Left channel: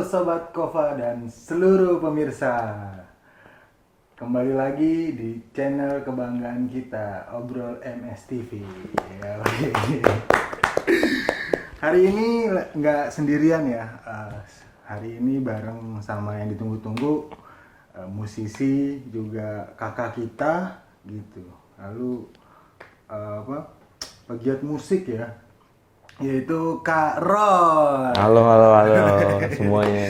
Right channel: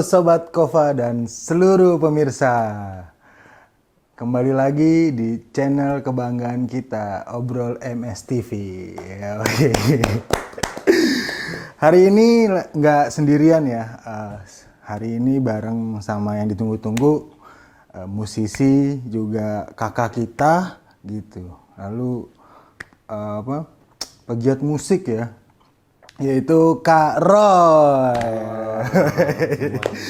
Halo Sobat Kova dan seluruh pemirsa. Kembali lagi di channel kebanggaan kita, Obrol MS TV. Ya, oke. Hari ini nggak sendirian ya. Hari ini bareng sama yang ditunggu-tunggu, musisi juga kakak kita gitu. Lalu pegiat musik ya, yaitu Kak Roy. Halo semuanya.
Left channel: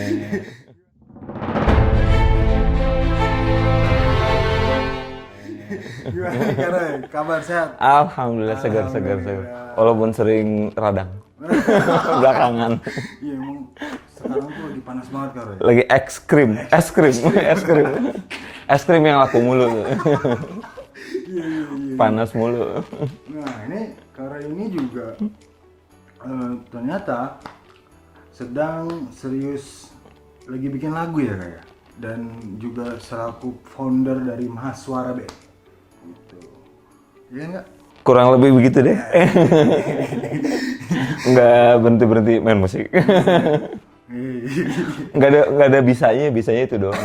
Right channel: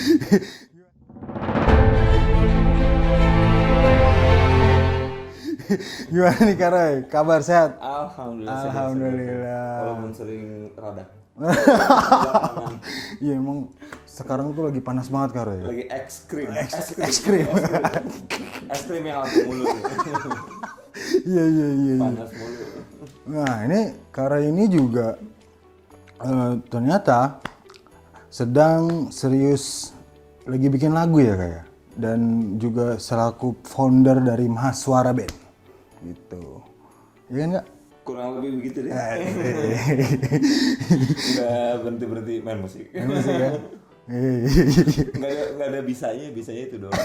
Gimana nih Kak Roy? Kabar sehat? Alhamdulillah segar. Walaupun sering radang. Belakangan. Iya emang sekarang tuh lagi panas banget Kak Roy. Lagi es krim. Es krim yang laku mulu. Iya. Panas mulu. Nah ini Kak Roy ini juga ternyata sedang serius lagi bikin lagu ya Kak ya? Dan juga selaku founder dari Mahaswara Band gitu. Iya nggak? Kurang lebih begitu deh. Nggak berhenti main musik. Nggak ada bisanya itu doang.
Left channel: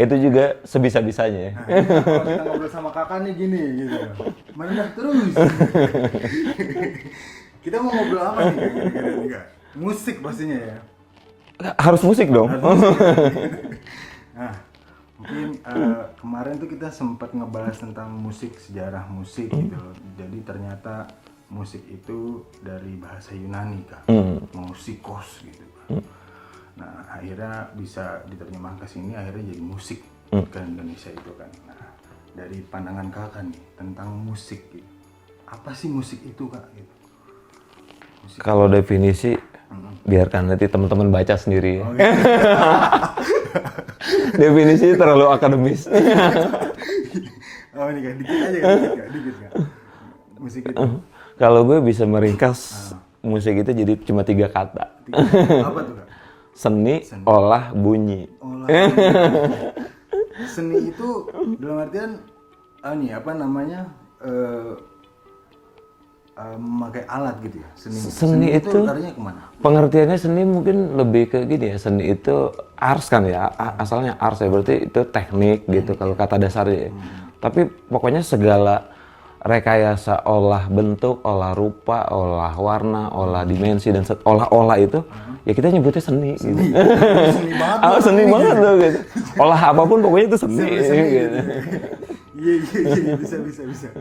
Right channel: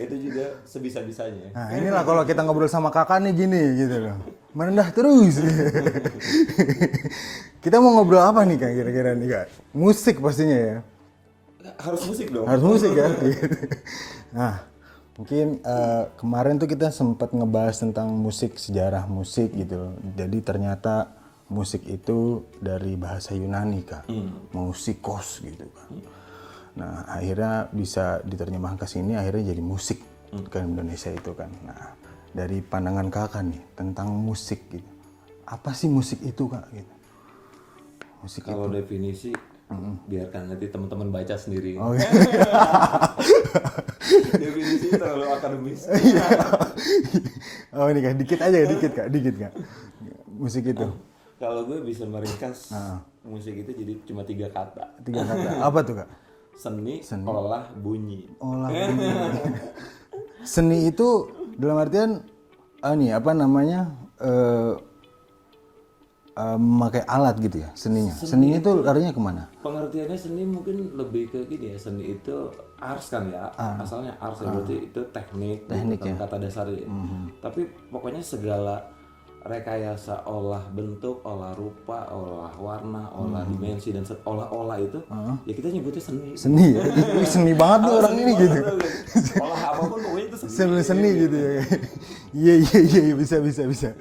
Itu juga sebisa-bisanya. Nah, ini kalau kita ngobrol sama kakak nih gini gitu, menendah terus. Kita mau ngobrol apa nih Kak kira-kira nih Kak? Musik pastinya ya. Harus musik dong. Harus musik kan? Nah, mungkin kemarin tuh kita sempat ngebahas tentang musik, sejarah musik gitu. Jadi ternyata musik itu dari bahasa Yunani Kak, musikos gitu kan. Nah, akhirnya bisa diterjemahkan ke sini, akhirnya jadi musik ke Indonesia itu kan. Nah, dari pandangan kakak nih tentang musik gitu. Apa sih musik itu Kak? Gitu. Kalau definisi, biarkan nanti teman-teman baca sendiri. Oh, gitu. Definisinya terlalu akademis. Oh ini Kak, dikit Kak. Musik itu. Kalau gue bisa meringkas musik itu jadi cuma 3 kata. Apa tuh Kak? Seni, olah, bunyi. Seni itu dalam artian memakai alat gitu ya seninya. Seni itu artinya kemana? Pengertiannya seni mungkin lebih ke gini ya, seni itu ars kan ya, asalnya ars ya, berarti itu teknik gitu kalau kata dasarnya. Tapi pokoknya segala rekayasa olah bentuk, olah rupa, olah warna, olah dimensi, dan olah-olah itu ya kita nyebutnya seni. Seni, seni banget Ah, tuh. seni banget tuh gitu. Olah apapun pokoknya itu seni. Seni Gitu. gitu. Iya, bisa.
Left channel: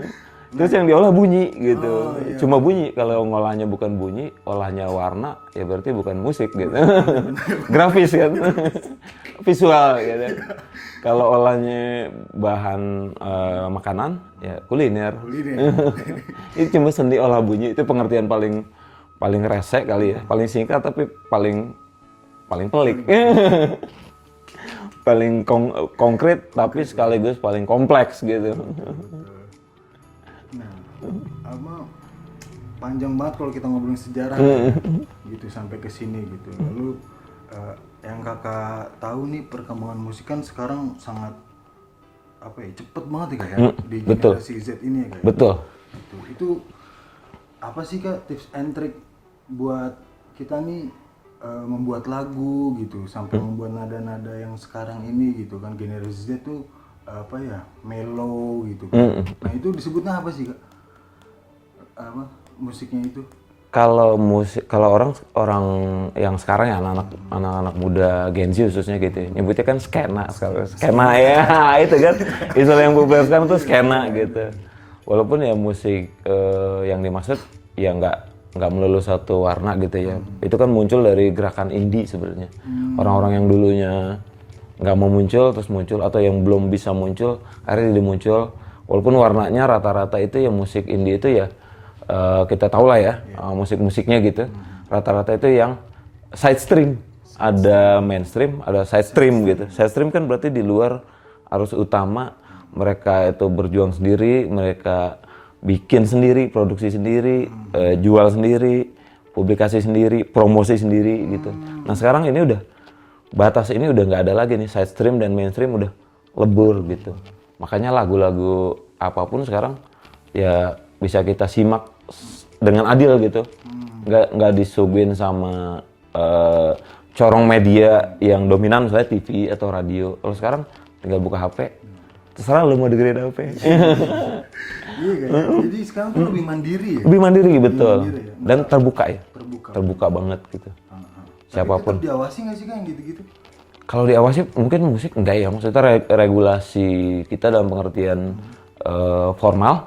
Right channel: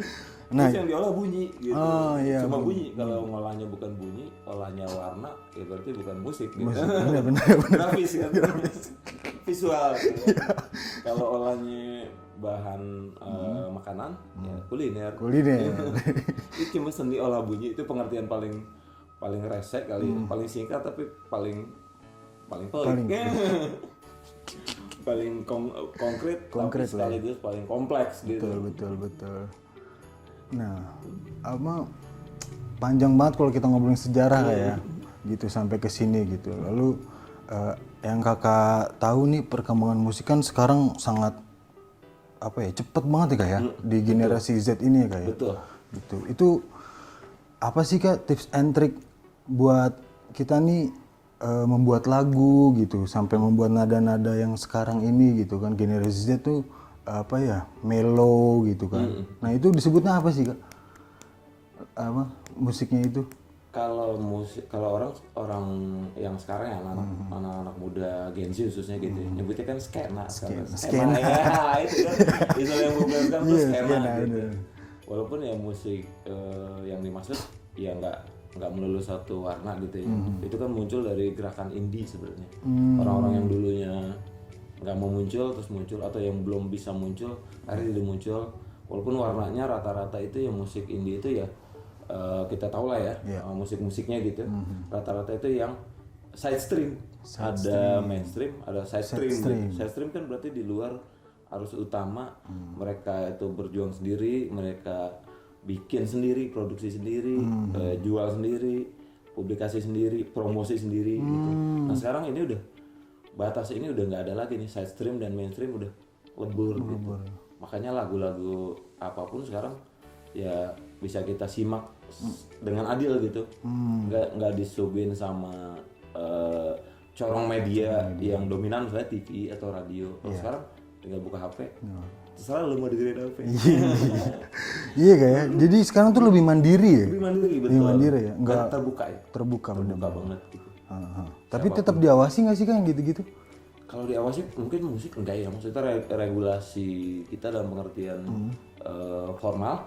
Terus yang diolah bunyi gitu. Oh, iya. Cuma bunyi. Kalau ngolahnya bukan bunyi, olahnya warna, ya berarti bukan musik gitu. Grafis kan. Visual gitu. Kalau olahnya bahan makanan, ya kuliner. Itu cuma seni olah bunyi, itu pengertian paling resek kali ya. Paling singkat tapi paling pelik. Paling konkret tapi sekaligus paling kompleks gitu. Betul. Nah, panjang banget kalau kita ngobrolin sejarah ya, gitu sampai ke sini gitu. Lalu yang kakak tahu nih perkembangan musik kan sekarang sangat cepet banget ya Kak ya di generasi Z ini ya Kak ya. Betul. Itu apa sih Kak tips and trick buat kita nih membuat lagu gitu sampai membuat nada-nada yang sekarang ini gitu kan, generasi Z tuh mellow gitu kan. Nah itu disebutnya apa sih Kak? Musiknya itu? Kalau orang yang sekarang ya anak-anak muda Gen Z khususnya gitu, nyebutnya kan skena ya. Itu kan istilah yang populer sekarang tuh skena gitu. Walaupun ya musik yang dimaksud ya nggak melulu satu warna gitu ya. Itu kan muncul dari gerakan indie sebenarnya. Orang-orang yang dulunya nggak mau muncul terus muncul, atau yang belum bisa muncul akhirnya dia muncul. Walaupun warnanya rata-rata itu ya musik indie itu ya kita tahu lah ya, musik-musiknya gitu. Rata-rata itu yang side stream. Ada mainstream, ada side stream gitu. Side stream kan berarti di luar arus utama. Mereka itu berjuang sendiri, mereka bikin sendiri, produksi sendiri, jual sendiri, publikasi sendiri, promosi sendiri gitu. Nah sekarang ini batas ini udah nggak ada lagi nih, side stream dan mainstream udah lebur gitu. Makanya lagu-lagu apapun sekarang ya bisa kita simak dengan adil gitu. Nggak disuguhin sama corong media yang dominan misalnya TV atau radio. Kalau sekarang tinggal buka HP, terserah lu mau dengerin apa. Iya kayaknya. Jadi sekarang tuh lebih mandiri ya. Lebih mandiri betul. mandiri ya? Dan terbuka ya. Terbuka. Terbuka banget gitu. Tapi Siapapun. tetap diawasi nggak sih kan gitu-gitu? Kalau diawasi mungkin musik enggak ya. Maksudnya regulasi kita dalam pengertian formal.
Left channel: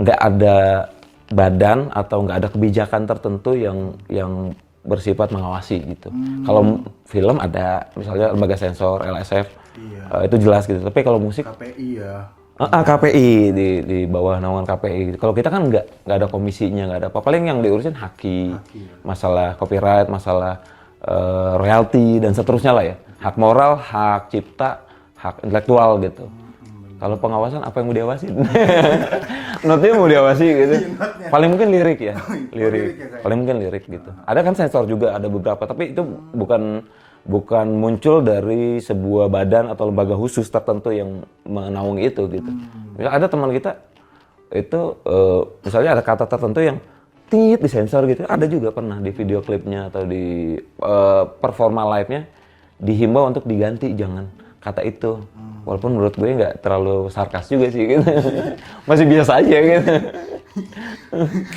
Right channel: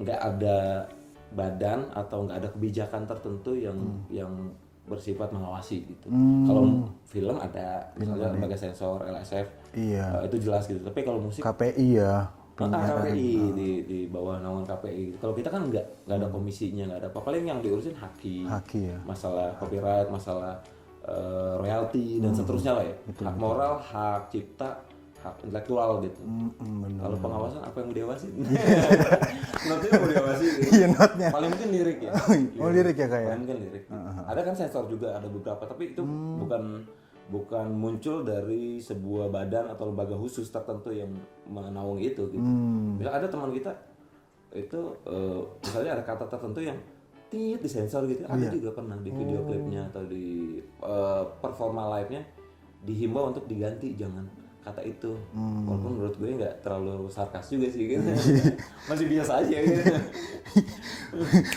Nggak ada badan atau nggak ada kebijakan tertentu yang bersifat mengawasi gitu. Kalau film ada misalnya lembaga sensor LSF, Iya. itu jelas gitu. Tapi kalau musik KPI ya. KPI di bawah naungan KPI. Kalau kita kan nggak ada komisinya, nggak ada apa. Paling yang diurusin haki ya. masalah copyright, masalah royalti dan seterusnya lah ya. Hak moral, hak cipta, hak intelektual gitu. Kalau pengawasan apa yang mau diawasin? Notnya mau diawasi gitu. Paling mungkin lirik ya. lirik ya, Paling mungkin lirik gitu. Ada kan sensor juga, ada beberapa, tapi itu bukan muncul dari sebuah badan atau lembaga khusus tertentu yang menaungi itu gitu. Misal ada teman kita itu misalnya ada kata tertentu yang tit disensor gitu. Ada juga pernah di video klipnya atau di performa live-nya dihimbau untuk diganti, jangan kata itu. Walaupun menurut gue nggak terlalu sarkas juga sih gitu. Masih biasa aja gitu.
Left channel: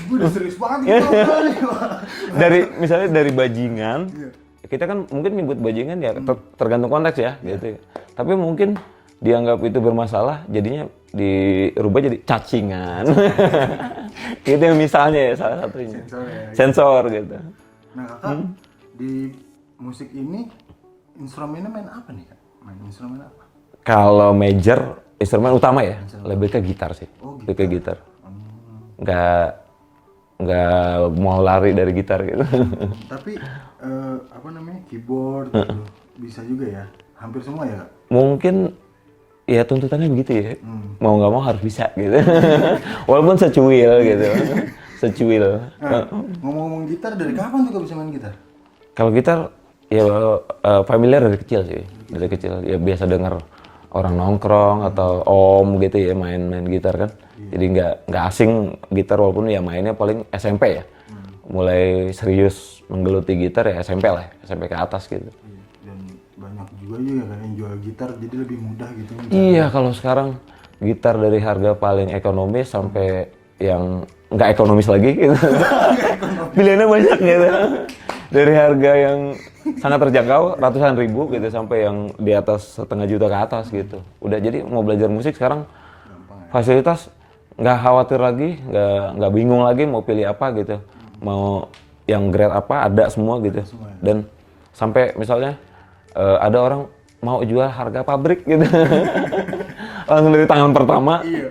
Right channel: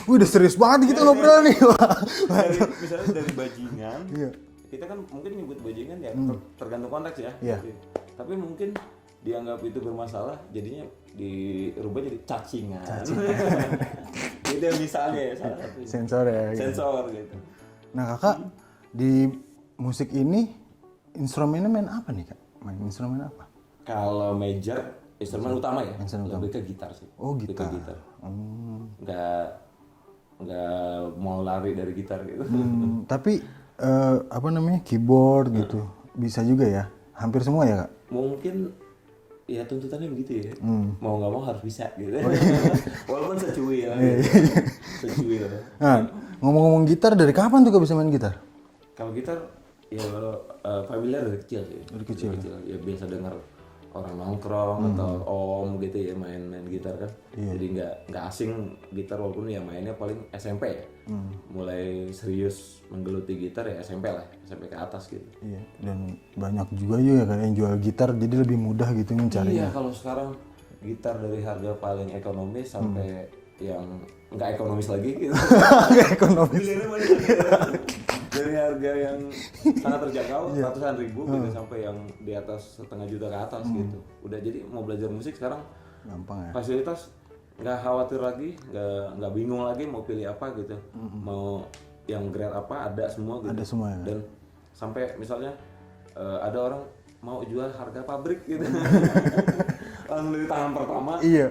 Udah serius banget kita ngobrol nih. Misalnya dari bajingan, kita kan mungkin nyebut bajingan ya tergantung konteks ya gitu. Tapi mungkin dianggap itu bermasalah, jadinya dirubah jadi cacingan. Itu yang misalnya ya salah satunya. Sensor ya. Sensor gitu. Nah kakak di musik ini instrumennya main apa nih kak? Main instrumen apa? Kalau major instrumen utama ya, lebih ke gitar sih. Oh, lebih ke gitar. Nggak mau lari dari gitar gitu. Tapi apa namanya keyboard gitu bisa juga ya? Hampir semua ya kak? Mungkin ya tuntutannya begitu ya. Mau nggak mau harus bisa gitu. Walaupun secuil gitu. Secuil. Nah ngomong-ngomong gitar dari kapan tuh kak bisa main gitar? Kalau gitar ya familiar dari kecil sih. Dari kecil ya biasa dengar orang nongkrong atau om gitu ya main gitar kan. Jadi nggak asing gitar walaupun ya mainnya paling SMP ya. Mulai serius menggeluti gitar ya SMP lah, SMP ke atas gitu. Iya. Dan banyak juga ya kak yang jual gitar jadi lebih mudah gitu mencari. Iya, kalau sekarang gitar dari harga paling ekonomis sampai yang nggak ekonomis lagi gitu. Pilihannya banyak gitu. Dari harga yang sangat terjangkau ratusan ribu gitu sampai yang di atas setengah juta ke atas gitu. Udah jadi mau belajar musik sekarang Gampang ya. fasilitas nggak khawatir lagi, nggak bingung lagi mau pilih apa gitu. Mau yang grade apa ada semua gitu. semua ya? Dan sampai misalnya ada orang mau jual harga pabrik gitu. Langsung dari tangan pertama. Iya.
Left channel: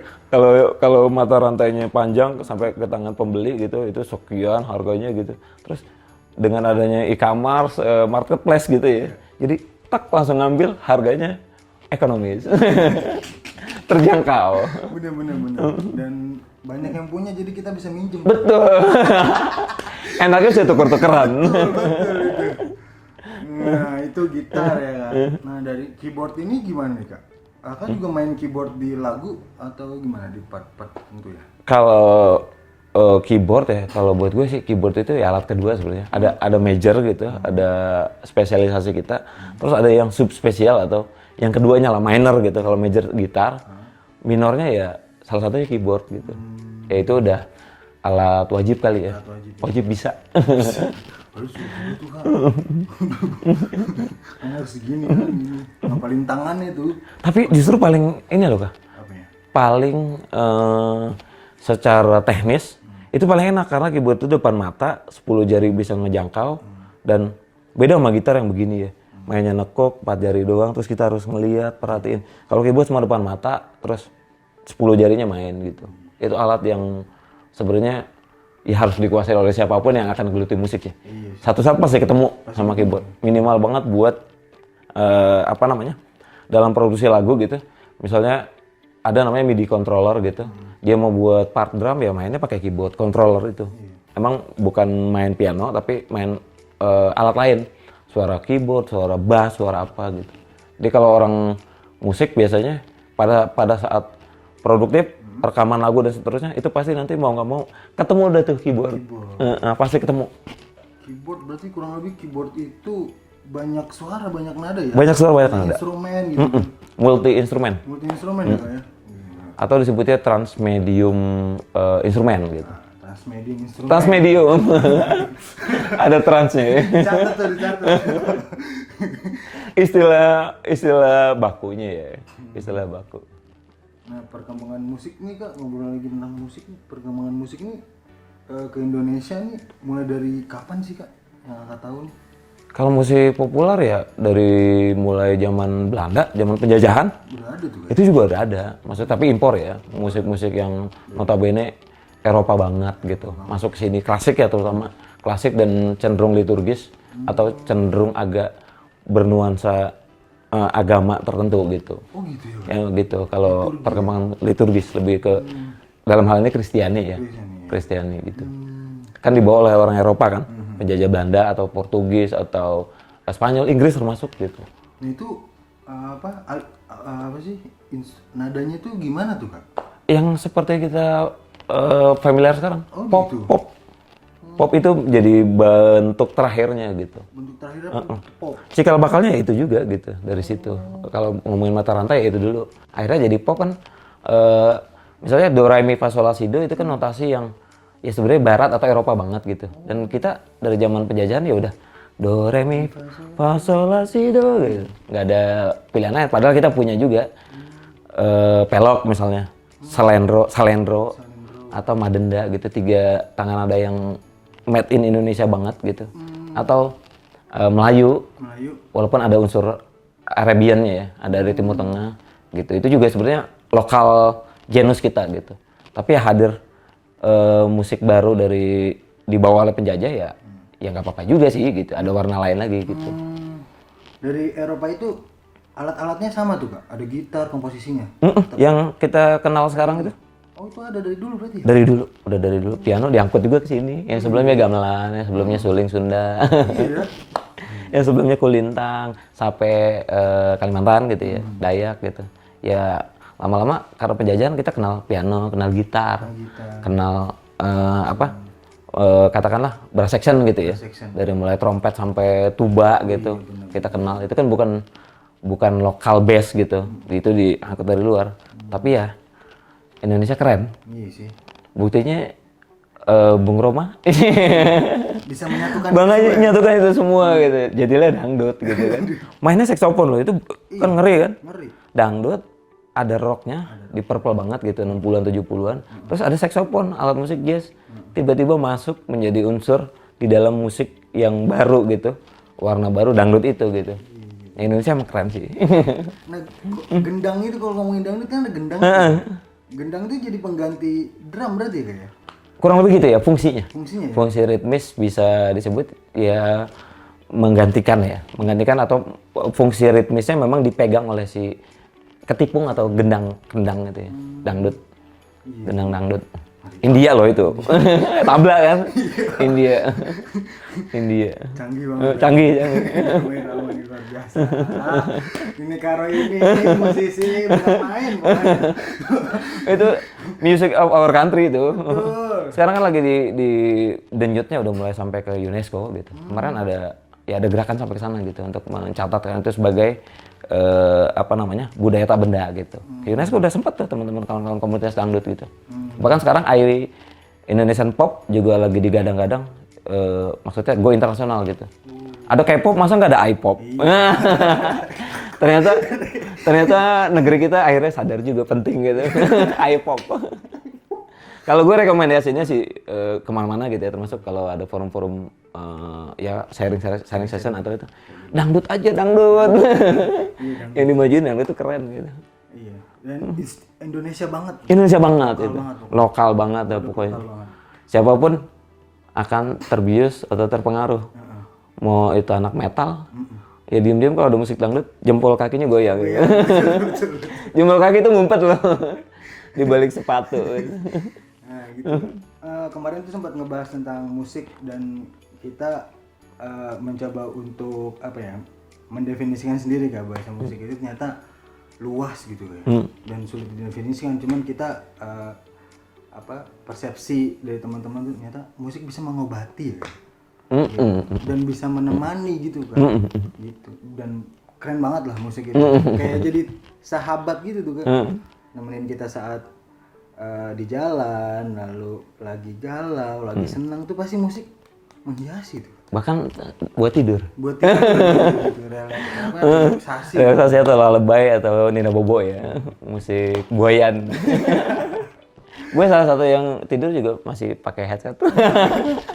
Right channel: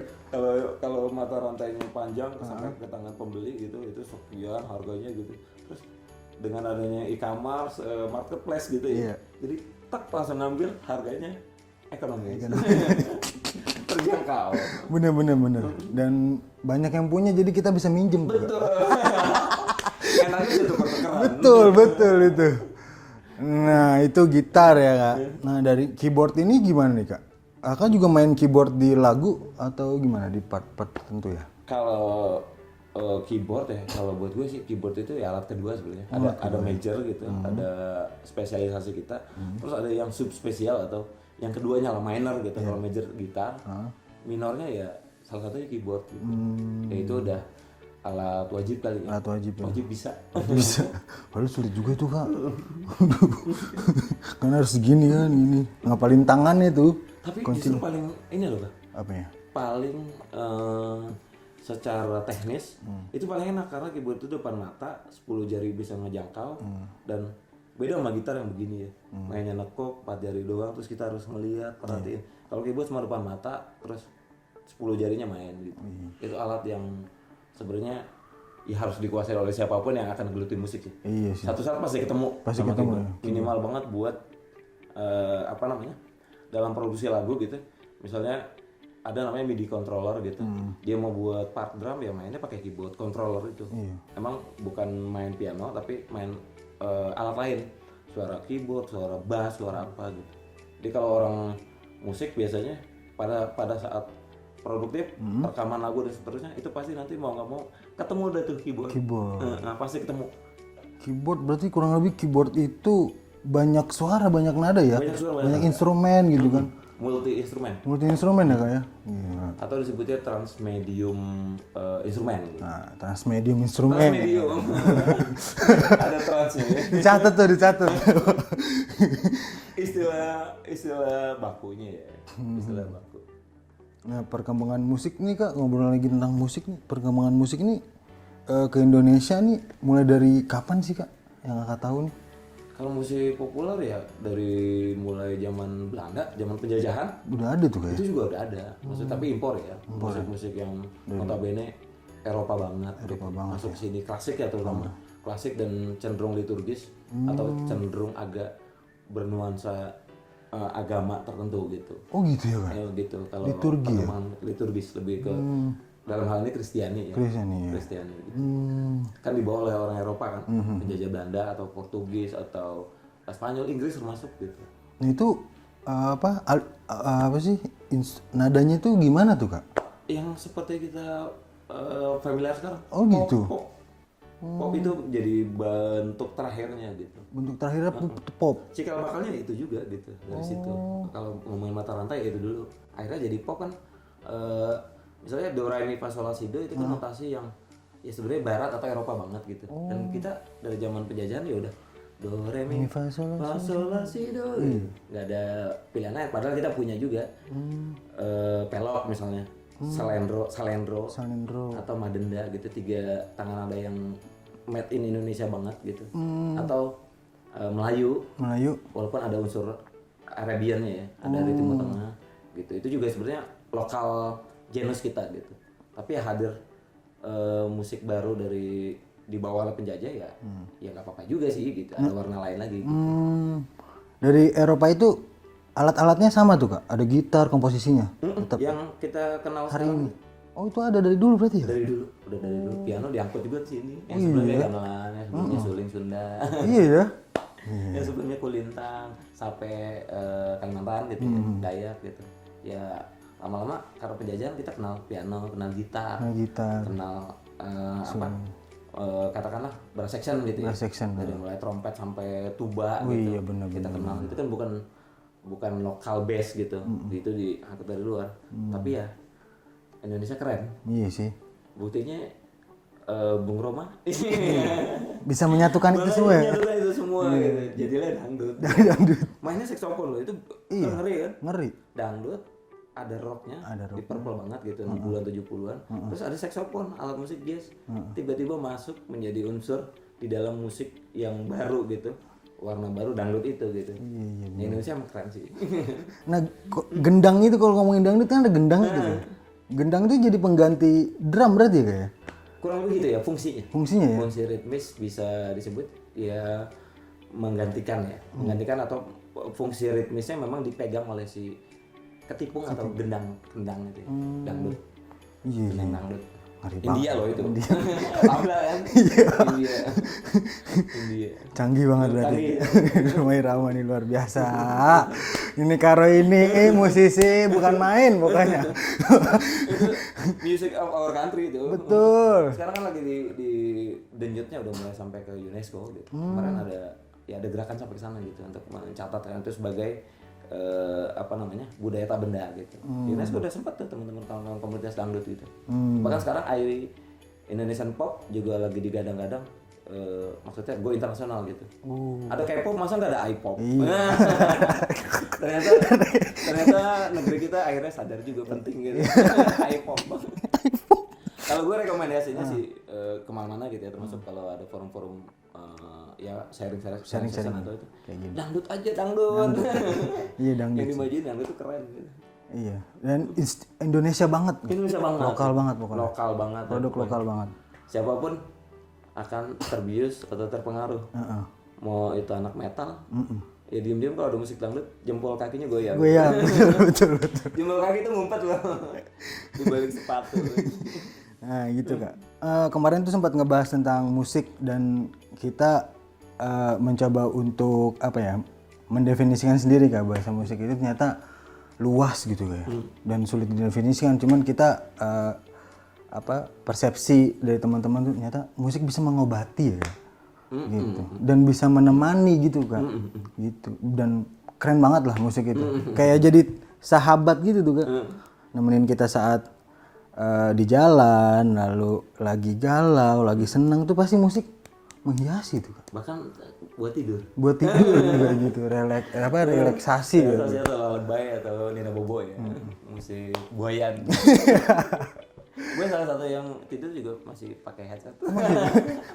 Kalau mata rantainya panjang sampai ke tangan pembeli gitu, itu sekian harganya gitu. Terus dengan adanya e-commerce, marketplace gitu ya. Jadi tak langsung ngambil harganya ekonomis. Terjangkau. Bener. Dan banyak yang punya jadi kita bisa minjem. Betul. Enaknya sih tuker-tukeran. Betul itu. Nah itu gitar ya kak. Nah dari keyboard ini gimana nih kak? Kakak juga main keyboard di lagu atau gimana di part-part tertentu ya? Kalau keyboard ya, kalau buat gue sih keyboard itu ya alat kedua sebenarnya. Ada major gitu, ada spesialisasi kita. Terus ada yang subspesial atau yang keduanya lah minor gitu. Kalau major gitar, minornya ya salah satunya keyboard gitu. Ya itu udah alat wajib kali ya. Alat wajib. Wajib bisa. Harus sulit juga tuh kak. Kan harus segini kan, ini ngapalin tangannya tuh. Tapi justru paling ini loh kak. Apa ya? Paling secara teknis itu paling enak karena keyboard itu depan mata, 10 jari bisa ngejangkau dan beda sama gitar yang begini ya. Mainnya nekuk 4 jari doang terus kita harus ngelihat, perhatiin. Kalau keyboard cuma depan mata terus 10 jarinya main gitu. Itu alat yang sebenarnya ya harus dikuasai oleh siapapun yang akan geluti musik ya. Iya sih. Satu saat pasti ketemu sama keyboard. Minimal banget buat apa namanya? Dalam produksi lagu gitu. Misalnya ada namanya MIDI controller gitu. Dia mau buat part drum ya mainnya pakai keyboard controller itu. Emang bukan main piano tapi main alat lain. Suara keyboard, suara bass, suara apa gitu. Jadi kalau orang musik biasanya pada saat produktif, rekaman lagu dan seterusnya itu pasti nanti mau nggak mau ketemu udah tuh keyboard. Pasti ketemu. Keyboard berarti kurang lebih keyboard itu banyak suara, banyak nada ya? Banyak suara, banyak Banyak nada. instrumen gitu kan? Multi instrumen Multi instrumen ya Kak ya? Iya. atau disebutnya transmedium instrumen gitu. Nah, transmedium instrumen. Transmedium. Ada transnya ya. Dicatat tuh, dicatat. istilah bakunya ya. Istilah baku. Nah, perkembangan musik nih Kak, ngobrol lagi tentang musik nih. Perkembangan musik ini ke Indonesia nih mulai dari kapan sih Kak? Yang Kakak tahu nih? Kalau musik populer ya dari mulai zaman Belanda, zaman penjajahan, Udah ada tuh Kak? itu juga udah ada. Maksudnya tapi impor ya, musik-musik yang notabene Eropa banget gitu. Masuk ke sini klasik ya terutama, klasik dan cenderung liturgis atau cenderung agak bernuansa agama tertentu gitu. Oh gitu ya Kak? Yang gitu. Kalau perkembangan liturgis lebih ke dalam hal ini Kristiani ya. Kristiani gitu. Kan dibawa oleh orang Eropa kan, penjajah Belanda atau Portugis atau Spanyol, Inggris termasuk gitu. Nah, itu apa sih nadanya itu gimana tuh Kak? Yang seperti kita familiar sekarang. Oh Pop, gitu. pop. Pop itu jadi bentuk terakhirnya gitu. Bentuk terakhirnya pop. Cikal bakalnya itu juga gitu dari situ. Kalau ngomongin mata rantai ya itu dulu. Akhirnya jadi pop kan misalnya do re mi fa sol la si do itu kan notasi yang ya sebenarnya barat atau Eropa banget gitu. Dan kita dari zaman penjajahan ya udah do re mi fa sol la si do gitu. Nggak ada pilihan lain padahal kita punya juga pelok misalnya. Salendro atau madenda gitu, 3 tangan nada yang made in Indonesia banget gitu. Atau Melayu walaupun ada unsur Arabiannya ya, ada dari Timur Tengah gitu. Itu juga sebenarnya lokal genus kita gitu. Tapi ya hadir musik baru dari dibawa oleh penjajah ya nggak apa-apa juga sih gitu. Ada warna lain lagi gitu. Dari Eropa itu alat-alatnya sama tuh Kak? Ada gitar, komposisinya? Yang kita kenal sekarang itu Oh itu ada dari dulu berarti ya? dari dulu, udah dari dulu. Piano diangkut juga ke sini. Yang sebelumnya gamelan, yang sebelumnya suling Sunda. Iya ya? Yang sebelumnya kulintang sampai Kalimantan gitu ya, Dayak gitu. Ya lama-lama karena penjajahan kita kenal piano, kenal gitar, kenal katakanlah brass section gitu ya. Dari mulai trompet sampai tuba gitu. Kita kenal. Itu kan bukan lokal bass gitu. Itu diangkut dari luar. Tapi ya Indonesia keren. Iya sih. Buktinya Bung Roma Bisa menyatukan menyatukan itu semua gitu. Jadilah dangdut gitu kan. Mainnya saksofon loh, itu kan ngeri kan? Ngeri. Dangdut ada rocknya, di purple banget gitu, 60-an 70-an. Terus ada saksofon, alat musik jazz. Tiba-tiba masuk menjadi unsur di dalam musik yang baru gitu. Warna baru dangdut itu gitu. Indonesia emang keren sih. Nah, gendang itu kalau ngomongin dangdut kan ada gendang tuh. Gendang itu jadi pengganti drum berarti kayak? Kurang lebih gitu ya fungsinya. Fungsinya ya? Fungsi ritmis bisa disebut ya menggantikan atau fungsi ritmisnya memang dipegang oleh si ketipung atau gendang gitu ya. Dangdut. Gendang dangdut. India loh itu. Tabla kan? India. Canggih banget. Canggih. Rama ini luar biasa. Ini Karo ini musisi bukan main pokoknya. Itu music of our country itu. Betul. Sekarang kan lagi di denyutnya udah mulai sampai ke UNESCO gitu. Kemarin ada gerakan sampai ke sana gitu untuk mencatatkan itu sebagai budaya tak benda gitu. UNESCO udah sempet tuh teman-teman kawan-kawan komunitas dangdut gitu. Bahkan sekarang Indonesian pop juga lagi digadang-gadang maksudnya go internasional gitu. Ada K-pop masa nggak ada I-pop? ternyata negeri kita akhirnya sadar juga penting gitu. I-pop. Kalau gue rekomendasinya sih kemana-mana gitu ya, termasuk kalau ada forum-forum sharing session atau itu dangdut aja dangdut. Yang dimajuin dangdut itu keren gitu. Iya. Dan Indonesia banget. Lokal banget ya pokoknya. Siapapun akan terbius atau terpengaruh. Mau itu anak metal, ya diem-diem kalau ada musik dangdut jempol kakinya goyang. Iya, betul. Jempol kaki itu ngumpet loh di balik sepatu. Nah gitu Kak. Kemarin tuh sempat ngebahas tentang musik dan kita mencoba untuk mendefinisikan sendiri Kak, bahasa musik itu ternyata luas gitu ya. Dan sulit didefinisikan, cuman kita persepsi dari teman-teman tuh ternyata musik bisa mengobati ya. dan bisa menemani gitu kan, gitu. Dan keren banget lah musik itu, kayak jadi sahabat gitu tuh kan, nemenin kita saat di jalan, lalu lagi galau, lagi senang tuh pasti musik menghiasi tuh. Bahkan buat tidur. Buat tidur gitu, relaksasi. Relaksasi atau lalebay atau Nina Bobo ya, musik buayan. Gue salah satu yang tidur juga masih pakai headset.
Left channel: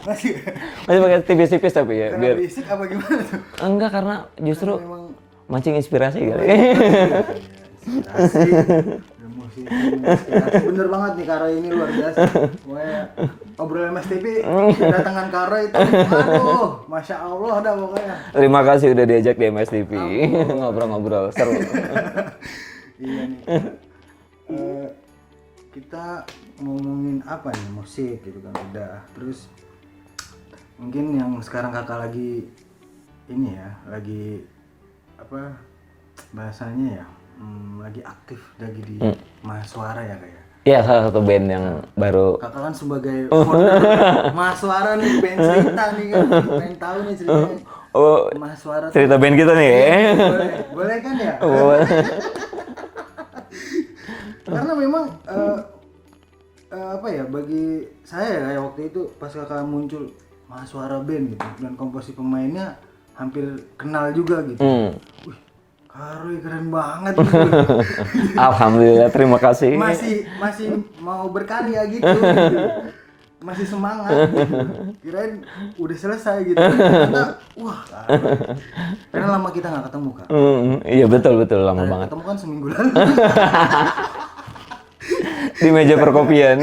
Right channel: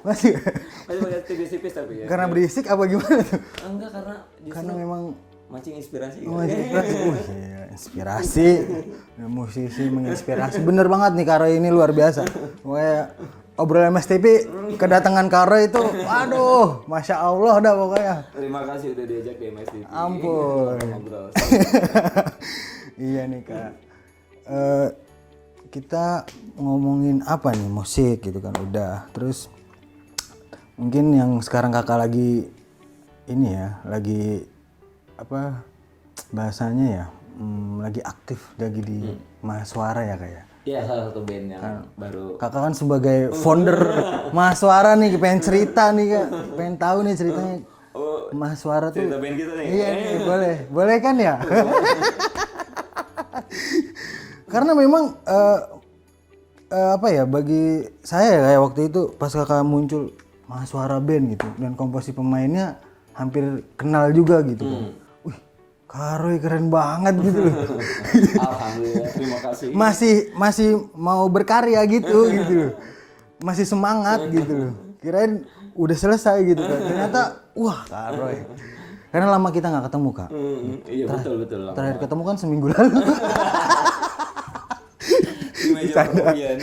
Masih Pakai tipis-tipis tapi ya. karena berisik apa gimana tuh? Enggak, karena justru Karena memang mancing inspirasi gitu. ya, inspirasi, ya, musisi menginspirasi. Bener banget nih Karo ini luar biasa. Pokoknya obrolan Mas TV, kedatangan Karo itu, aduh, masya Allah dah pokoknya. Terima kasih udah diajak di MSTV ngobrol-ngobrol seru. Iya nih Kak. Kita ngomongin apa nih, musik gitu kan udah. Terus mungkin yang sekarang Kakak lagi ini ya, lagi apa bahasanya ya, lagi aktif lagi di Mahaswara ya kayak. Iya, salah satu band yang baru. Kakak kan sebagai founder Mahaswara nih, pengen cerita nih kan, pengen tahu nih ceritanya. Oh, Mahaswara tuh. cerita band kita nih. Boleh kan ya? Karena memang apa ya, bagi saya kayak waktu itu pas Kakak muncul Mahaswara band gitu dan komposisi pemainnya hampir kenal juga gitu. Wih, Karoy keren banget gitu. Alhamdulillah, terima kasih. Masih mau berkarya gitu. Masih semangat gitu. Kirain udah selesai gitu. Ternyata wah, Karoy. Karena lama kita nggak ketemu Kak. Iya betul lama Terakhir banget. ketemu kan seminggu lalu. Di meja perkopian.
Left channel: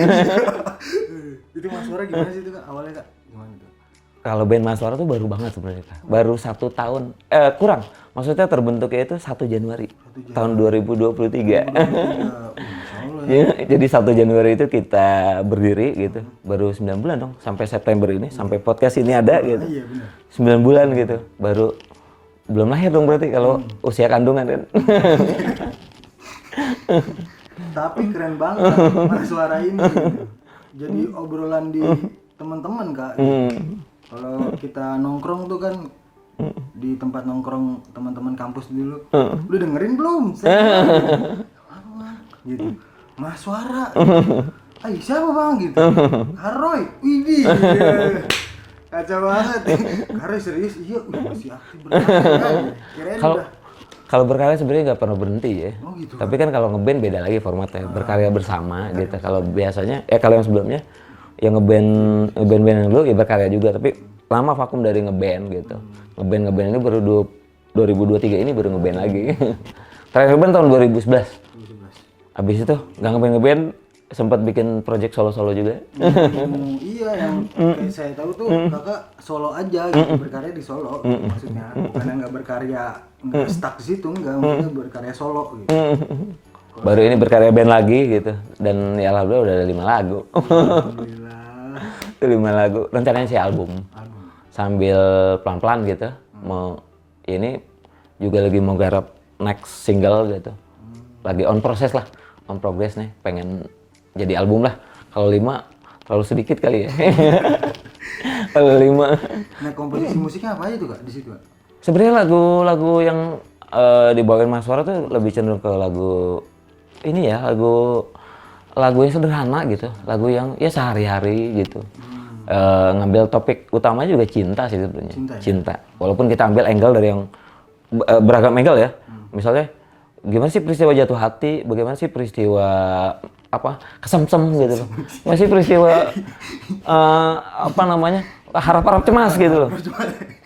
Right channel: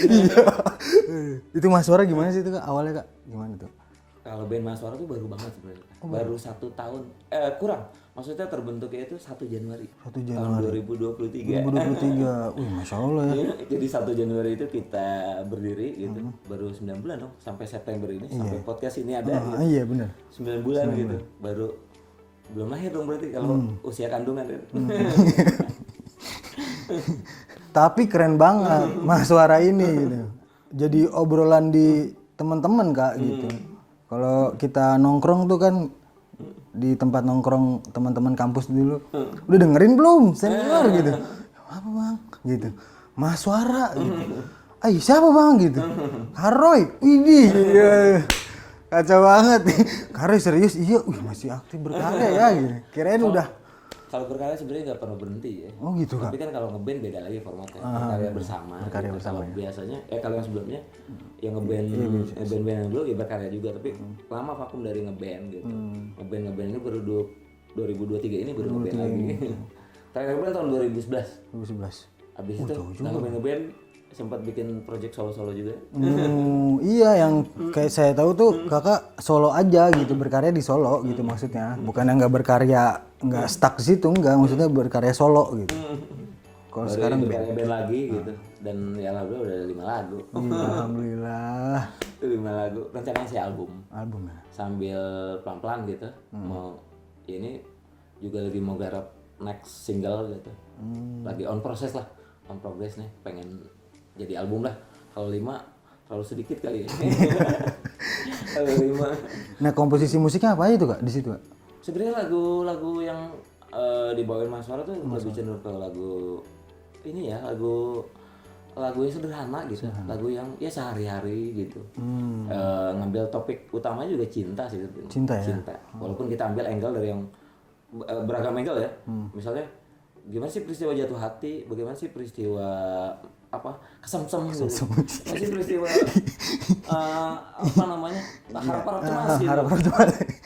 Itu Mahaswara gimana sih itu Kak? Awalnya Kak gimana tuh? Kalau band Mahaswara tuh baru banget sebenarnya, Kak. Baru 1 tahun, kurang. Maksudnya terbentuknya itu 1 Januari, tahun 2023. Masya Allah ya. Jadi 1 Januari itu kita berdiri gitu. Baru 9 bulan dong, sampai September ini, sampai podcast ini ada gitu. Iya benar. 9 bulan gitu, baru belum lahir dong berarti kalau usia kandungan kan. Tapi keren banget Mahaswara ini gitu. Jadi obrolan di teman-teman Kak gitu. Kalau kita nongkrong tuh kan di tempat nongkrong teman-teman kampus dulu, udah dengerin belum? Saya gitu. Apa Bang? Gitu. Mahaswara. Gitu. Siapa Bang gitu? Karoy. Widih. Kacau banget. Karoy serius? Iya, masih aktif berkarya gitu. Kirain udah. Kalau berkarya sebenarnya nggak pernah berhenti ya. Oh gitu. Tapi kan kalau ngeband beda lagi formatnya, berkarya bersama gitu. Kalau biasanya, kalau yang sebelumnya, yang ngeband yang dulu ya berkarya juga, tapi lama vakum dari ngeband gitu. Ngeband ini baru 2023 ini baru ngeband lagi. Terakhir ngeband tahun 2011. Abis itu nggak ngeband, sempat bikin project solo-solo juga. Iya, yang kayak saya tahu tuh Kakak solo aja gitu, berkarya di solo gitu maksudnya. Bukannya nggak berkarya, nggak stuck di situ, nggak, maksudnya berkarya solo gitu. Baru ini berkarya band lagi gitu, dan ya alhamdulillah udah ada 5 lagu. Alhamdulillah. 5 lagu, rencananya sih album. Sambil pelan-pelan gitu, mau ini juga lagi mau garap next single gitu. Lagi on proses lah, on progress nih, pengen jadi album lah. Kalau 5 terlalu sedikit kali ya. Kalau 5. Nah, komposisi musiknya apa itu Kak di situ Kak? Sebenarnya lagu-lagu yang dibawain Mahaswara tuh lebih cenderung ke lagu ini ya, lagu yang sederhana gitu, lagu yang ya sehari-hari gitu. Ngambil topik utamanya juga cinta sih sebetulnya. Cinta. Walaupun kita ambil angle dari yang beragam angle ya. Misalnya gimana sih peristiwa jatuh hati, bagaimana sih peristiwa kesemsem gitu. Masih peristiwa harap-harap cemas gitu.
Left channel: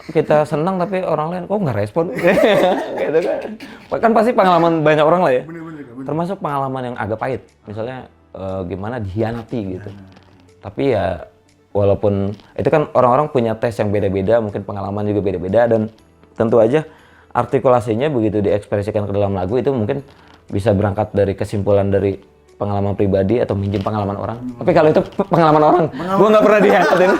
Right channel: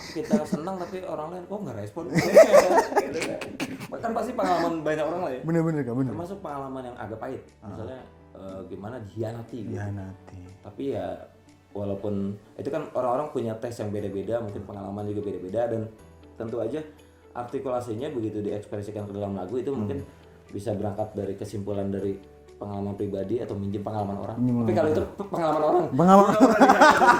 Kita senang tapi orang lain kok nggak respon gitu kan. Bahkan pasti pengalaman banyak orang lah ya. Bener-bener Kak, bener. Termasuk pengalaman yang agak pahit. Misalnya gimana dihianati gitu. Tapi ya walaupun itu kan orang-orang punya tes yang beda-beda, mungkin pengalaman juga beda-beda, dan tentu aja artikulasinya begitu diekspresikan ke dalam lagu itu mungkin bisa berangkat dari kesimpulan dari pengalaman pribadi atau minjem pengalaman orang. Tapi kalau itu pengalaman orang, gue nggak pernah dihianatin.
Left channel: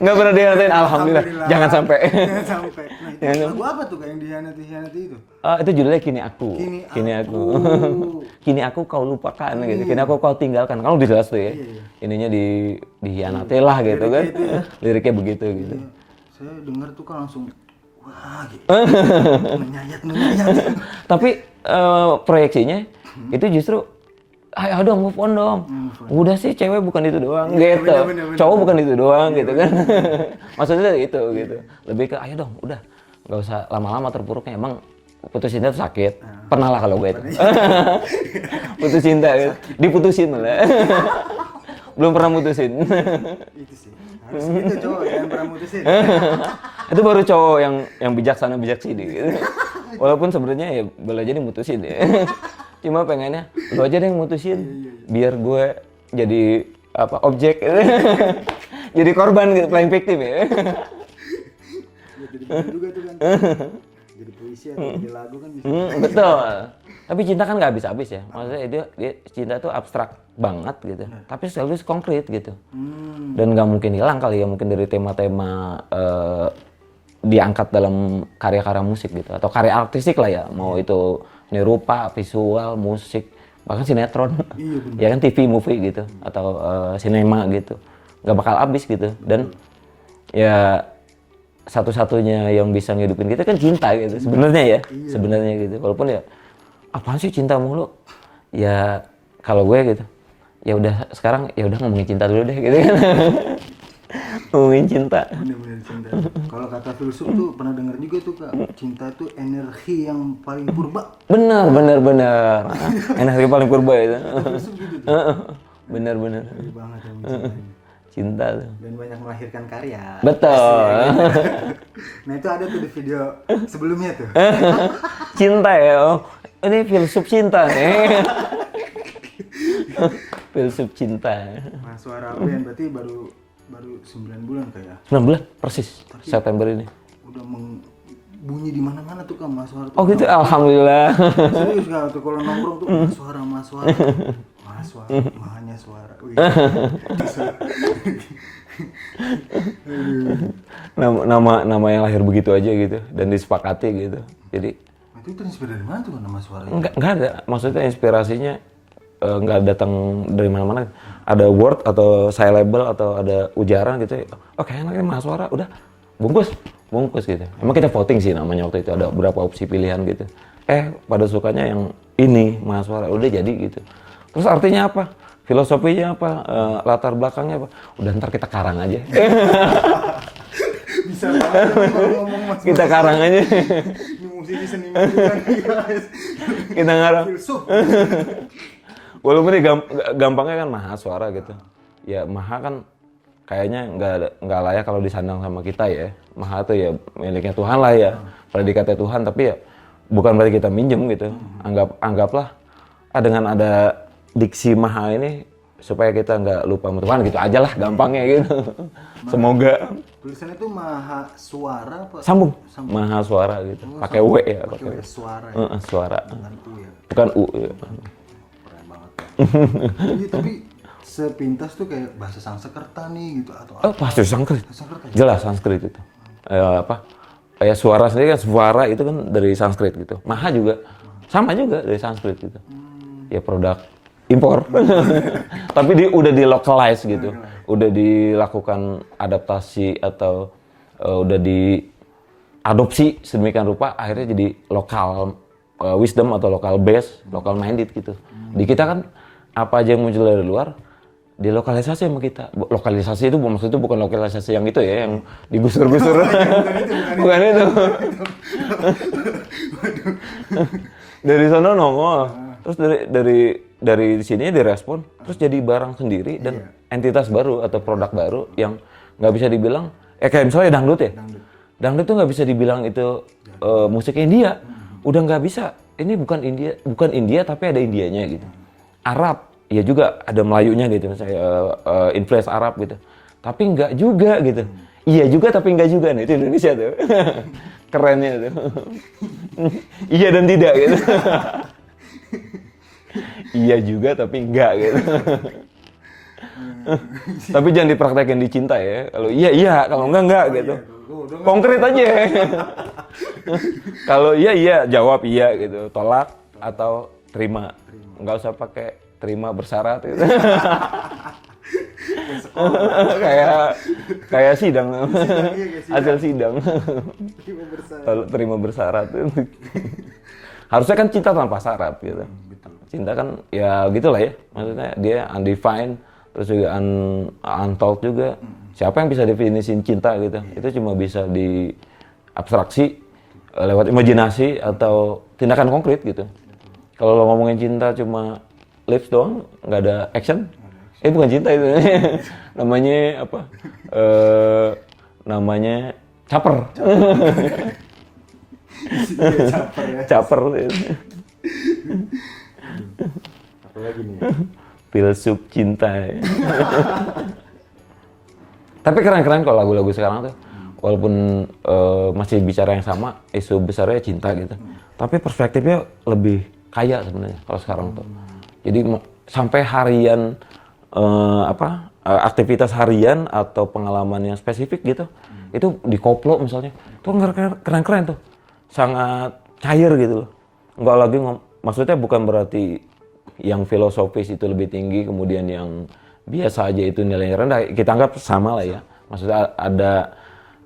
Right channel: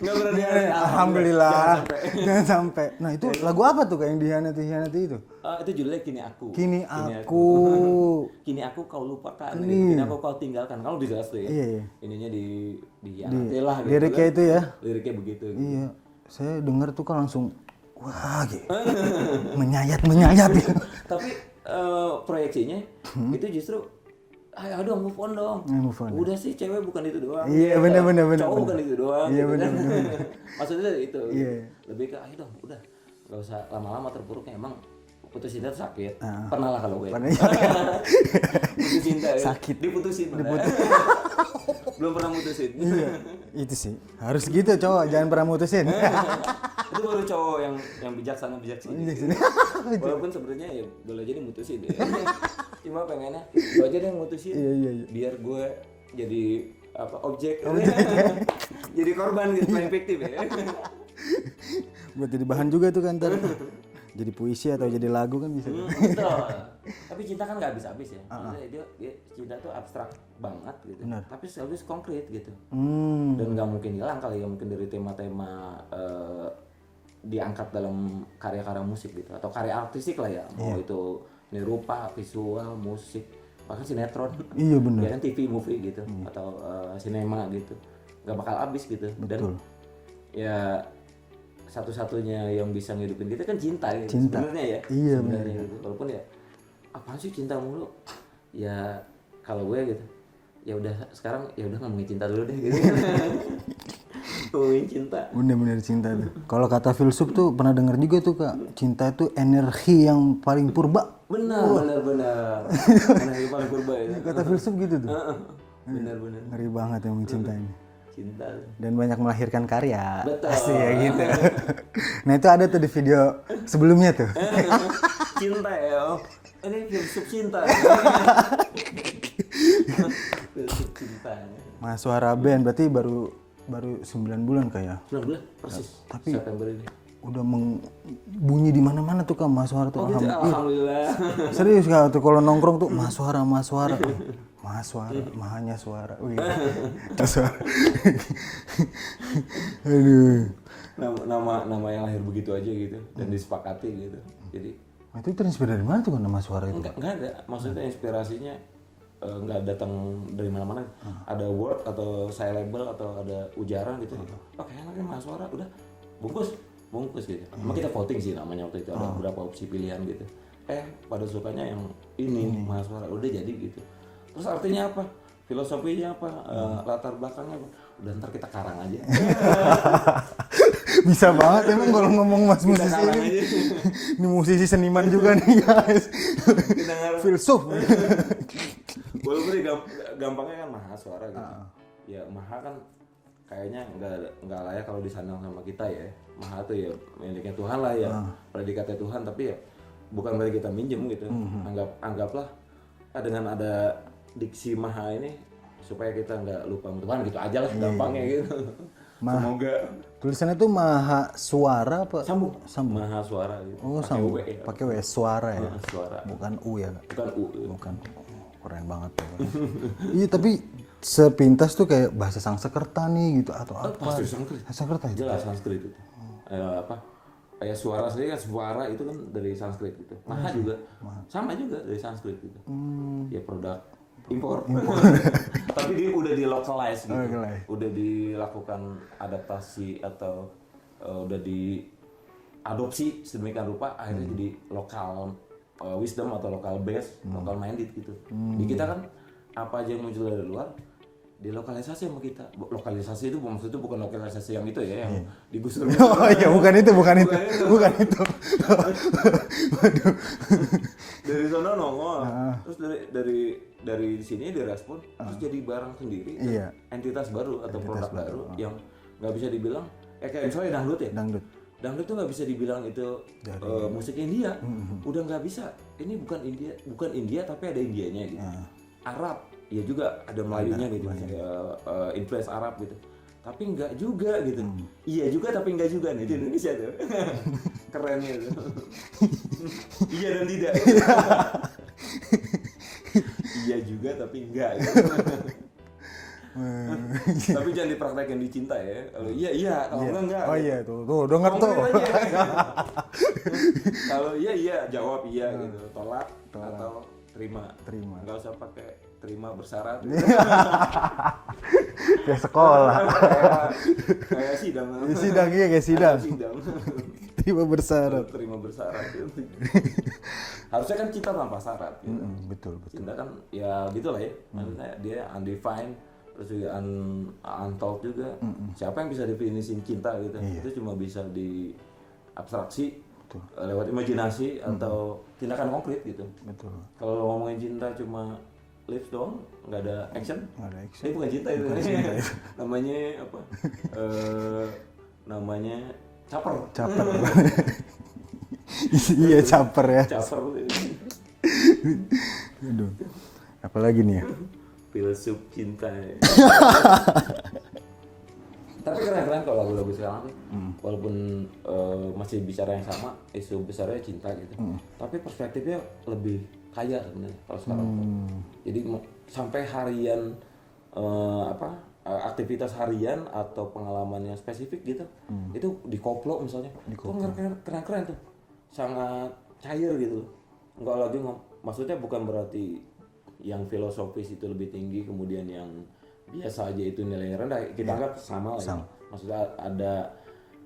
Nggak pernah dihianatin, alhamdulillah. Jangan sampai. Jangan sampai. Nah itu lagu apa tuh kayak yang dihianati itu? Itu judulnya Kini Aku. Kini Aku. Kini aku kau lupakan gitu. Kini aku kau tinggalkan. Kan udah jelas tuh ya. Ininya dihianati lah gitu Liriknya kan. itu ya. Liriknya begitu gitu. Iya. Saya denger tuh kan langsung wah gitu. menyayat. Tapi proyeksinya itu justru ayo dong move on dong. Udah sih cewek bukan itu doang gitu. bener, Cowok bukan itu doang gitu kan. Maksudnya itu gitu. Lebih ke ayo dong udah. Gak usah lama-lama terpuruknya. Emang putus cinta itu sakit. Pernah lah kalau gue itu. Putus cinta ya. Diputusin malah. Belum pernah mutusin. Itu sih. Harus gitu cowok, jangan pernah mutusin. Itu baru cowok yang bijaksana bijaksini gitu. Walaupun sebenarnya ya boleh jadi mutusin ya. Cuma pengennya lu aja deh yang mutusin. Biar gue jadi objek. Jadi korban gitu, playing victim ya. Buat jadi bahan juga tuh kan. Jadi puisi atau jadi lagu kan bisa. Betul. Tapi cinta kan nggak habis-habis ya. Maksudnya dia cinta tuh abstrak banget gitu. Tapi selalu konkret gitu. Dan nggak mungkin hilang kali ya, mungkin dari tema-tema diangkat dalam karya-karya musik gitu atau karya artistik lah ya. Mau itu seni rupa, visual, musik, bahkan sinetron. Iya benar. Ya kan TV, movie gitu atau sinema gitu. Nggak bakal habis gitu. Dan ya satu-satunya yang bisa ngidupin kita kan cinta gitu sebenarnya ya. Sebenarnya gitu. Walaupun ya apaan sih cinta mulu? Ya kalau gue gitu. Ya udah sekarang ya udah ngomongin cinta dulu deh gitu kan. Ngomongin cinta. Bener-bener cinta. Kalau kata filsuf tuh pernah denger juga tuh Kak, cinta tuh energi yang paling purba. Benar. Energi paling purba itu. Kata filsuf gitu tuh. Bener. Ngeri banget yang mencintai. Cinta tuh. Dan banyak melahirkan karya. Betul. Gitu. Nah itu ada tuh di video sebelumnya tuh. Cinta ya. Oh, ini filsuf cinta nih. Filsuf cinta. Mas Suara Band berarti baru 9 bulan kayaknya. 9 bulan persis. September ini. Udah bunyi di mana-mana tuh Kak Mas Suara tuh. Oh gitu, alhamdulillah. Serius Kak tuh kalau nongkrong tuh Mas Suara. Mahanya suara. Wih. Nama yang lahir begitu aja gitu dan disepakati gitu. Jadi itu terinspirasi dari mana tuh kan nama suara itu? Enggak ada. Maksudnya inspirasinya nggak datang dari mana-mana. Ada word atau syllable atau ada ujaran gitu. Oh kayak enaknya Mas Suara, udah bungkus gitu. Emang kita voting sih namanya waktu itu, ada beberapa opsi pilihan gitu. Pada sukanya yang ini Mas Suara, udah jadi gitu. Terus artinya apa? Filosofinya apa? Latar belakangnya apa? Udah ntar kita karang aja. Bisa banget nih kalau ngomong Mas. Kita karang aja. Ini musisi seniman juga nih guys. Kita ngarang. Filsuf. Walaupun ini gampangnya kan Maha Suara gitu. Ya Maha kan kayaknya nggak layak kalau disandang sama kita ya. Maha tuh ya miliknya Tuhan lah ya. Predikatnya Tuhan, tapi ya bukan berarti kita minjem gitu. Anggaplah dengan ada diksi Maha ini supaya kita nggak lupa sama Tuhan gitu aja lah gampangnya gitu. Semoga. Tulisannya itu Maha Suara apa? Sambung. Maha Suara gitu. Pakai W ya. Pakai W, suara ya. Suara. Bukan U ya. Bukan U ya. Keren banget ya. Iya tapi sepintas tuh kayak bahasa Sanskerta nih gitu atau apa? Pasti Sanskrit. Sanskerta. Jelas Sanskrit itu. Kayak suara sendiri kan, suara itu kan dari Sanskrit gitu. Maha juga sama juga dari Sanskrit gitu. Ya produk impor. Tapi udah di localize gitu. Udah dilakukan adaptasi atau udah diadopsi sedemikian rupa akhirnya jadi lokal wisdom atau lokal base, lokal minded gitu. Di kita kan apa aja yang muncul dari luar dilokalisasi sama kita. Lokalisasi itu maksudnya bukan lokalisasi yang itu ya, yang digusur-gusur. bukan itu. Dari sana nongol. Terus dari sini direspon, terus jadi barang sendiri dan entitas baru atau produk baru yang nggak bisa dibilang kayak misalnya dangdut ya. Dangdut tuh nggak bisa dibilang itu musik India. Udah nggak bisa. Ini bukan India tapi ada Indianya gitu. Arab ya juga ada Melayunya gitu, misalnya influence Arab gitu. Tapi enggak juga gitu. Iya juga tapi enggak juga nih, itu Indonesia tuh. Kerennya tuh. Iya dan tidak gitu. Iya juga tapi enggak gitu. Tapi jangan dipraktekin di cinta ya. Kalau iya iya, kalau enggak gitu. Iya, tuh. Gua udah nggak Konkret tahu. aja. Kalau iya iya, jawab iya gitu. Tolak atau terima. Enggak usah pakai terima bersyarat gitu. Kayak sekolah. kayak sidang. Sidang, iya, kayak sidang. Ada sidang. Tiba bersyarat. Kalau terima bersyarat. Harusnya kan cinta tanpa syarat gitu. Betul. Cinta kan ya gitulah ya. Maksudnya dia undefined, terus juga untold juga. Siapa yang bisa definisiin cinta gitu? Itu cuma bisa di abstraksi lewat imajinasi atau tindakan konkret gitu. Kalau lo ngomongin cinta cuma lips doang, nggak ada action, bukan cinta itu. Namanya apa? Namanya caper. Iya, caper ya. Caper. Apalagi nih ya? Filsuf cinta. Tapi keren-keren kalau lagu-lagu sekarang tuh. Walaupun masih bicara yang sama, isu besarnya cinta gitu. Tapi perspektifnya lebih kaya sebenarnya kalau sekarang tuh. Jadi sampai harian aktivitas harian atau pengalaman yang spesifik gitu, itu dikoplo misalnya. Itu keren-keren tuh. Sangat cair gitu loh. Enggak lagi maksudnya bukan berarti yang filosofis itu lebih tinggi, kemudian yang biasa aja itu nilainya rendah. Kita anggap sama lah ya. Maksudnya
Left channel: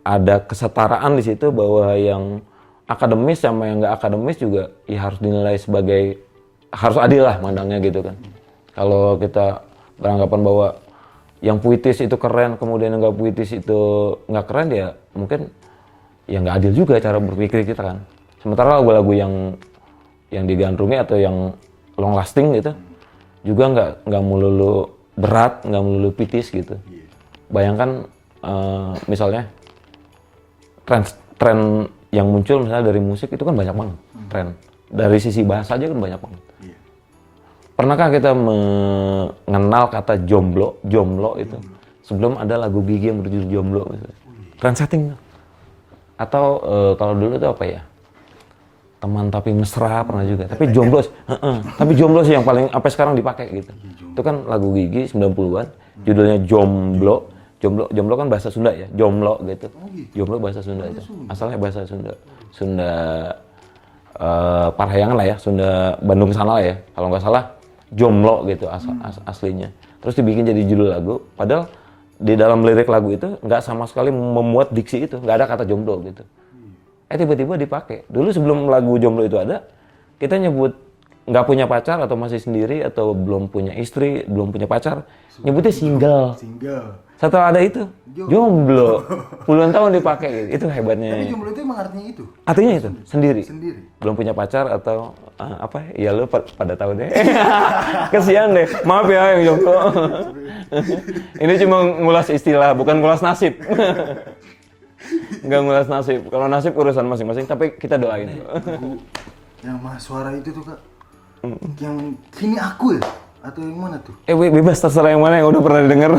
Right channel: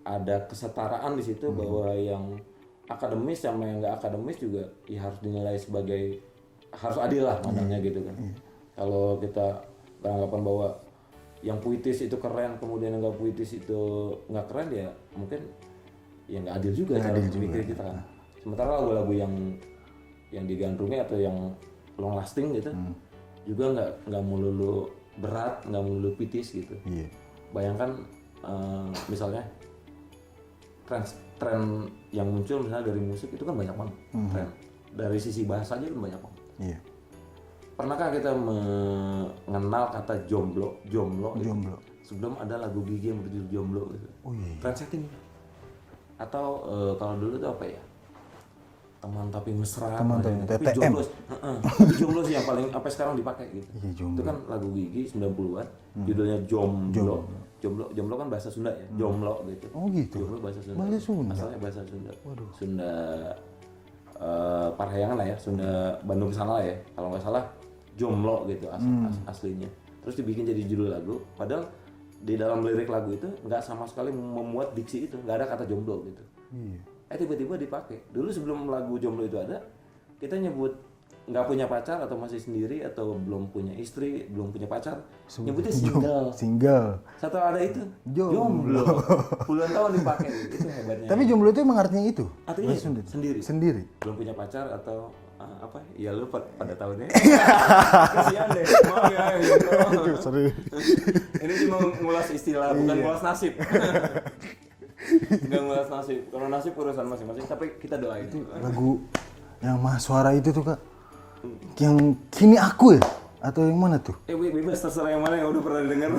ada kesetaraan di situ bahwa yang akademis sama yang nggak akademis juga ya harus dinilai sebagai harus adil lah mandangnya gitu kan. Kalau kita beranggapan bahwa yang puitis itu keren, kemudian yang nggak puitis itu nggak keren, ya mungkin ya nggak adil juga cara berpikir kita kan. Sementara lagu-lagu yang digandrungi atau yang long lasting gitu juga nggak melulu berat, nggak melulu puitis gitu. Bayangkan misalnya tren yang muncul misalnya dari musik itu kan banyak banget tren. Dari sisi bahasa aja kan banyak banget. Pernahkah kita mengenal kata jomblo itu sebelum ada lagu Gigi yang berjudul Jomblo misalnya? Trend setting. Atau kalau dulu itu apa ya? Teman tapi mesra pernah juga. Tapi jomblo, tapi jomblo sih yang paling sampai sekarang dipakai gitu. Itu kan lagu Gigi 90-an, judulnya Jomblo. Jomblo kan bahasa Sunda ya, Jomlo gitu. Jomblo bahasa Sunda itu. Asalnya bahasa Sunda. Sunda Parahyangan lah ya, Sunda Bandung sana lah ya. Kalau nggak salah Jomlo gitu aslinya. Terus dibikin jadi judul lagu, padahal di dalam lirik lagu itu nggak sama sekali memuat diksi itu, nggak ada kata jomblo gitu. Tiba-tiba dipakai. Dulu sebelum lagu Jomblo itu ada, kita nyebut nggak punya pacar atau masih sendiri atau belum punya istri, belum punya pacar, nyebutnya single. Setelah ada itu, jomblo. Puluhan tahun dipakai, itu hebatnya. Tapi jomblo itu emang artinya itu? Artinya itu, sendiri. Belum punya pacar atau apa ya, lu pada tahu deh. Kesian deh, maaf ya yang jomblo. Ini cuma ngulas istilah, bukan ngulas nasib. Nggak ngulas nasib. Kalau nasib urusan masing-masing, tapi kita doain. Lagu yang Mahasuara itu tuh Kak, yang Kini Aku ya? Atau yang mana tuh? Bebas terserah yang mana yang udah pernah denger.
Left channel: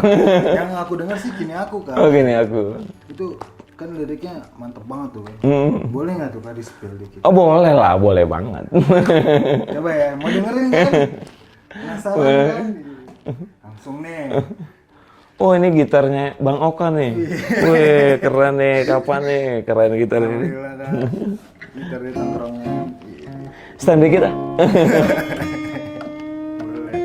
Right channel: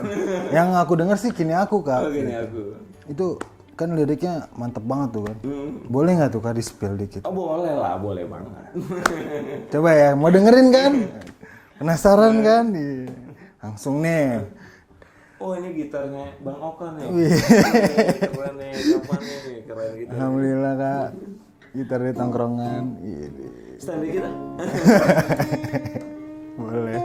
Yang aku dengar sih Kini Aku Kak. Oh, Kini Aku. Itu kan liriknya mantep banget tuh kan. Boleh nggak tuh Kak di-spill dikit? Oh boleh lah, boleh banget. Coba ya, mau dengerin kan? Penasaran kan? Langsung nih. Oh ini gitarnya Bang Oka nih. Wih keren nih, kapan nih? Keren gitarnya. Alhamdulillah Kak. Gitar di tongkrongan. Stand dikit ah. Boleh.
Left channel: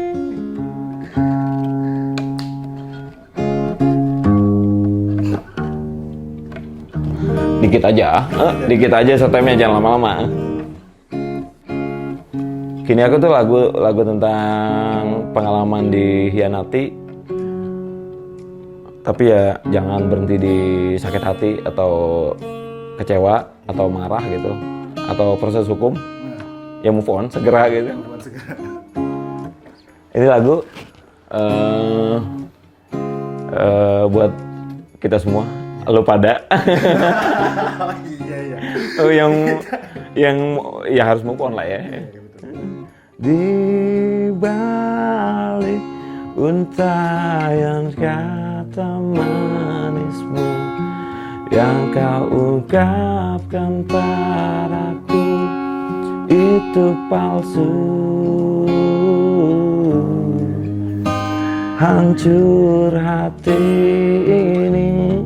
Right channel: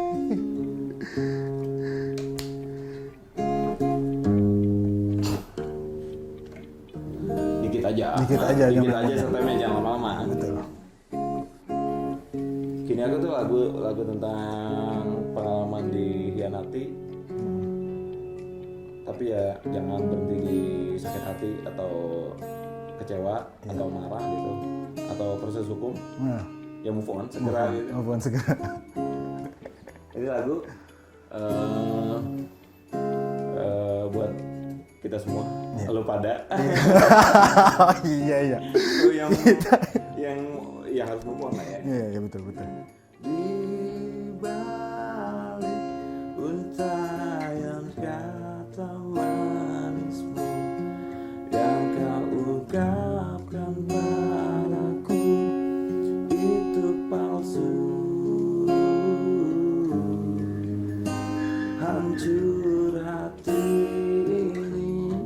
Dikit aja setemnya, jangan lama-lama. Kini Aku tuh lagu tentang pengalaman dihianati, tapi ya jangan berhenti di sakit hati atau kecewa atau marah gitu, atau proses hukum. Ya move on segera gitu. Ini lagu buat kita semua. Lu pada Iya. yang ya harus move on lah ya. Iya betul. Di balik untayan kata manismu yang kau ungkapkan padaku itu palsu. hancur hati ini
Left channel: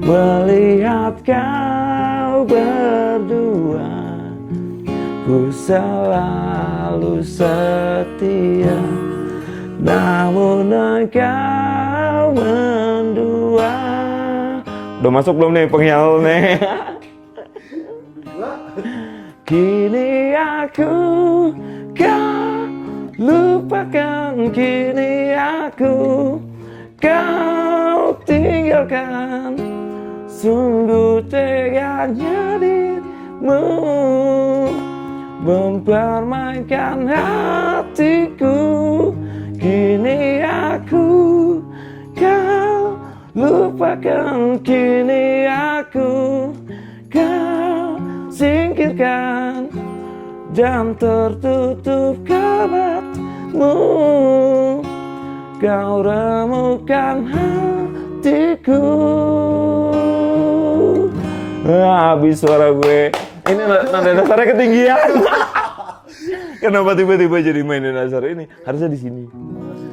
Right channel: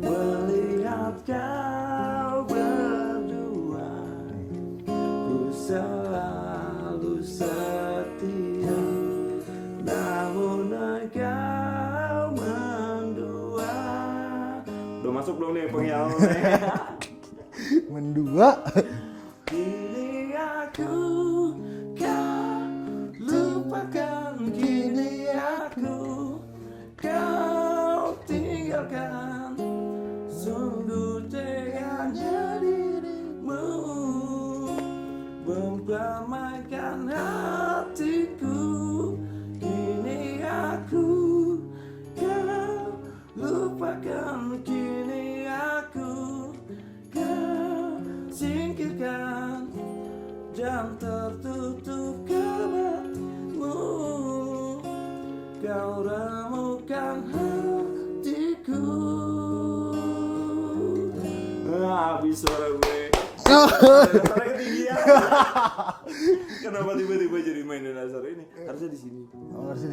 melihat kau berdua. Ku selalu setia, namun engkau mendua. Udah masuk belum nih penghiyal nih? Mendua. Kini aku kau lupakan, kini aku kau tinggalkan. Sungguh teganya dirimu mempermainkan hatiku. Kini aku kau lupakan, kini aku kau singkirkan dan tertutup kabarmu. Kau remukan hatiku. Habis suara gue. Ini nada dasarnya ketinggian. Kenapa tiba-tiba jadi mainin dasar ini? Harusnya di sini.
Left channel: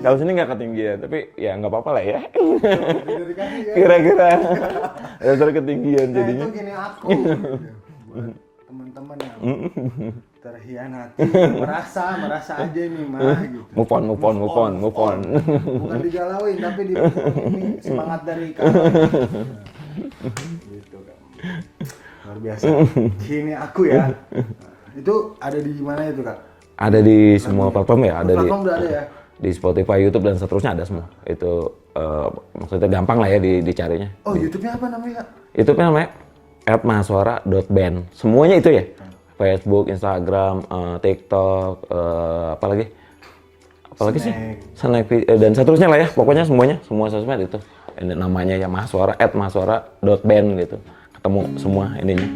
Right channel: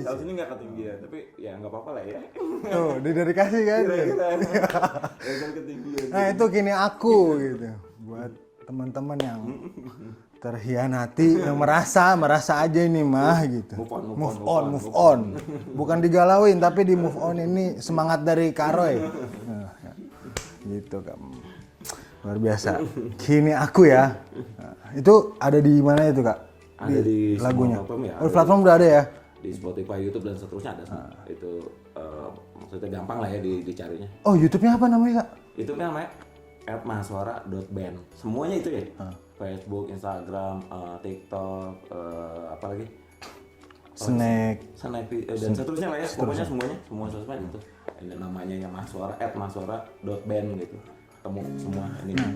Kalau sini nggak ketinggian, tapi ya nggak apa-apa lah ya. Udah dikasih kan? Kira-kira dasar ketinggian. Nah jadinya. itu gini aku gitu. Buat teman-teman yang terhianati, yang merasa aja ini mah gitu. Move on. Bukan digalauin tapi di move on ini semangat dari Karoy. Nah, gitu Kak. Luar biasa. Kini aku ya. Nah, itu ada di mana itu Kak? Ada di semua platform ya. Ada Platform udah ada ya? di Spotify, YouTube dan seterusnya ada semua. Itu maksudnya gampang lah ya dicarinya. Oh YouTube-nya apa namanya Kak? YouTube-nya namanya @mahaswara.band. Semuanya itu ya. Facebook, Instagram, TikTok, apalagi sih? Snack dan seterusnya lah ya. Pokoknya semuanya, semua sosmed itu. Ini namanya ya Mahaswara @mahaswara.band gitu. Ketemu semua ininya.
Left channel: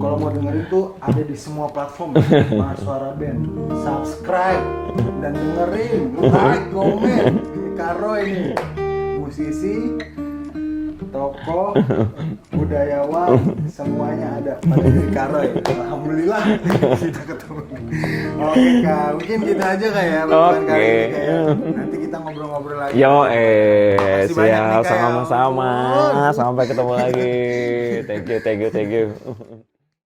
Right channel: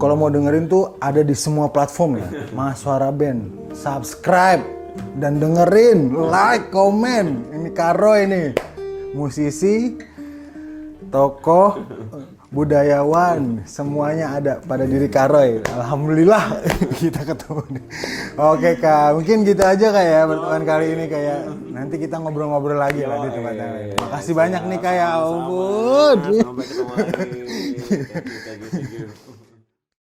Kalau mau dengerin tuh ada di semua platform ya. Mahaswara Band. Subscribe dan dengerin, like, komen. Ini Karo ini. Musisi, tokoh, budayawan, semuanya ada pada diri Karo ya. Alhamdulillah kita ketemu. Oke Kak, mungkin gitu aja Kak ya bukan kali ini Kak ya. Nanti kita ngobrol-ngobrol lagi. Makasih banyak nih Kak ya. Sama-sama. Ampun. Sampai ketemu lagi. Thank you.